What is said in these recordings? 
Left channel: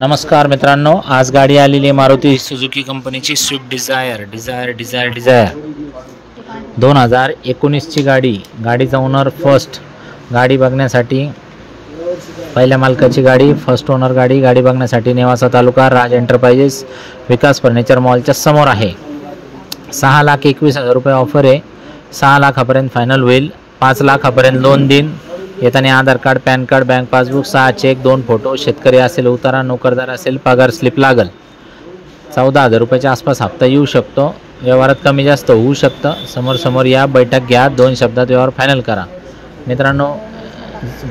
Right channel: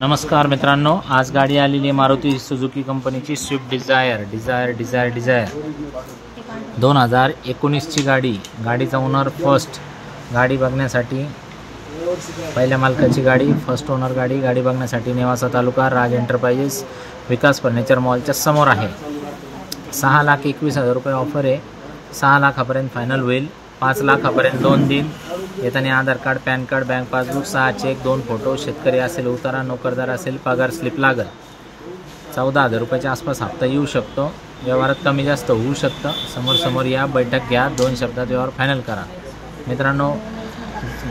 नमस्कार मित्रांनो, आज गाडी आलेली आहे मारुती सुझुकी कंपनीची स्विफ्ट डिझायर 2019 ची गाडीचा ओनर फर्स्ट। गाडी बघण्यासाठी पहिल्या मालकाची गाडी, फर्स्ट ओनर गाडी बघण्यासाठी नेवासा तालुका, राज एंटरप्राइजेस, विकास फर्निचर मॉलच्या समोर आहे। 6,21,000 रुपये ऑफर आहे। 6 लाखापर्यंत फायनल होईल। 5 लाखापर्यंत लोन देईन। येताना Aadhaar card, PAN card, bank passbook, 6 cheque, 2 photo, शेतकरी असेल उतारा, नोकरदार असेल पगार स्लिप लागल। 14,000 रुपयाच्या आसपास हप्ता येऊ शकतो। व्यवहारात कमी जास्त होऊ शकतं। समोर या, बैठक घ्या, 2 शब्दात व्यवहार फायनल करा। मित्रांनो,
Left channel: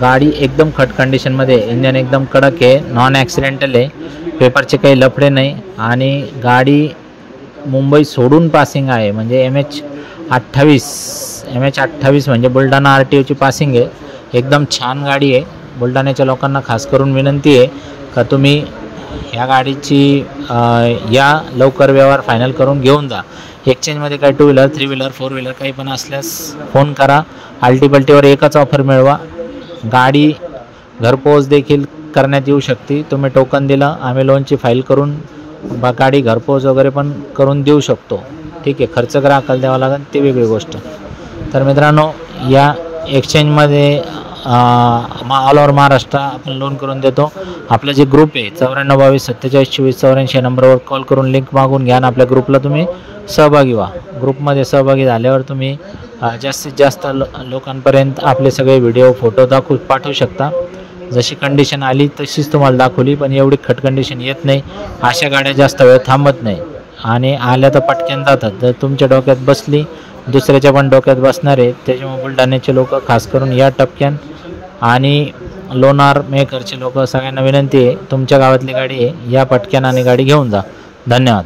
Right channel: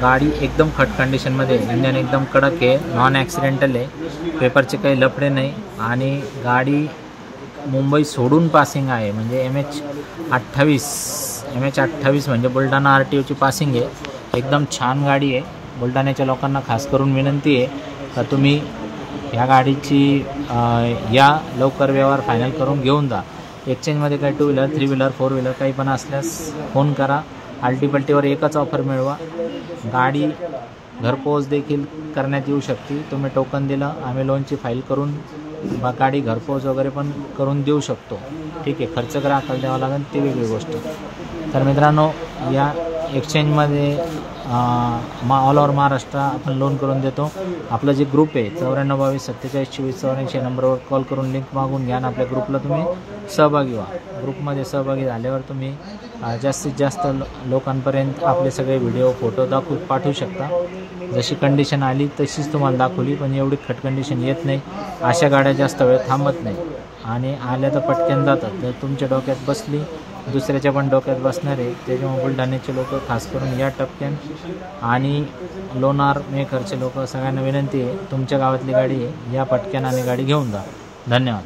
गाडी एकदम खट कंडिशनमध्ये, इंजन एकदम कडक आहे, नॉन ॲक्सिडेंटल आहे, पेपरचे काही लफडे नाही आणि गाडी मुंबई सोडून पासिंग आहे। म्हणजे MH 28 म्हणजे बुलढाणा RTOची पासिंग आहे। एकदम छान गाडी आहे। बुलढाण्याच्या लोकांना खास करून विनंती आहे का तुम्ही या गाडीची या लवकर व्यवहार फायनल करून घेऊन जा। एक्सचेंजमध्ये काही 2 व्हीलर, 3 व्हीलर, 4 व्हीलर काही पण असल्यास फोन करा। आल्टीपल्टीवर एकच ऑफर मिळवा। गाडी घरपोच देखील करण्यात येऊ शकते। तुम्ही टोकन दिलं, आम्ही लोनची फाईल करून गाडी घरपोच वगैरे पण करून देऊ शकतो। ठीक आहे, खर्च ग्राहकाला द्यावा लागेल, ती वेगळी गोष्ट। तर मित्रांनो, या एक्सचेंजमध्ये ऑल ओव्हर महाराष्ट्र आपण लोन करून देतो। आपला जे ग्रुप आहे 9422472484 या नंबरवर कॉल करून लिंक मागून घ्या आणि आपल्या ग्रुपला तुम्ही सहभागी व्हा। ग्रुपमध्ये सहभागी झाल्यावर तुम्ही जास्तीत जास्त लोकांपर्यंत आपले सगळे व्हिडिओ, फोटो पाठवू शकता। जशी कंडिशन आली तशीच तुम्हाला दाखवली, पण एवढी खट कंडिशन येत नाही। अशा गाड्या जास्त वेळ थांबत नाही आणि आल्या तर पटकन जातात। जर तुमच्या डोक्यात बसली, दुसऱ्याच्या पण डोक्यात बसणार आहे। त्याच्यामुळे बुलढाण्याचे लोक खास करून या टप्प्यान आणि लोणार मेकरचे लोक सगळ्यांना विनंती आहे, तुमच्या गावातली गाडी आहे, या पटक्यान आणि गाडी घेऊन जा। धन्यवाद।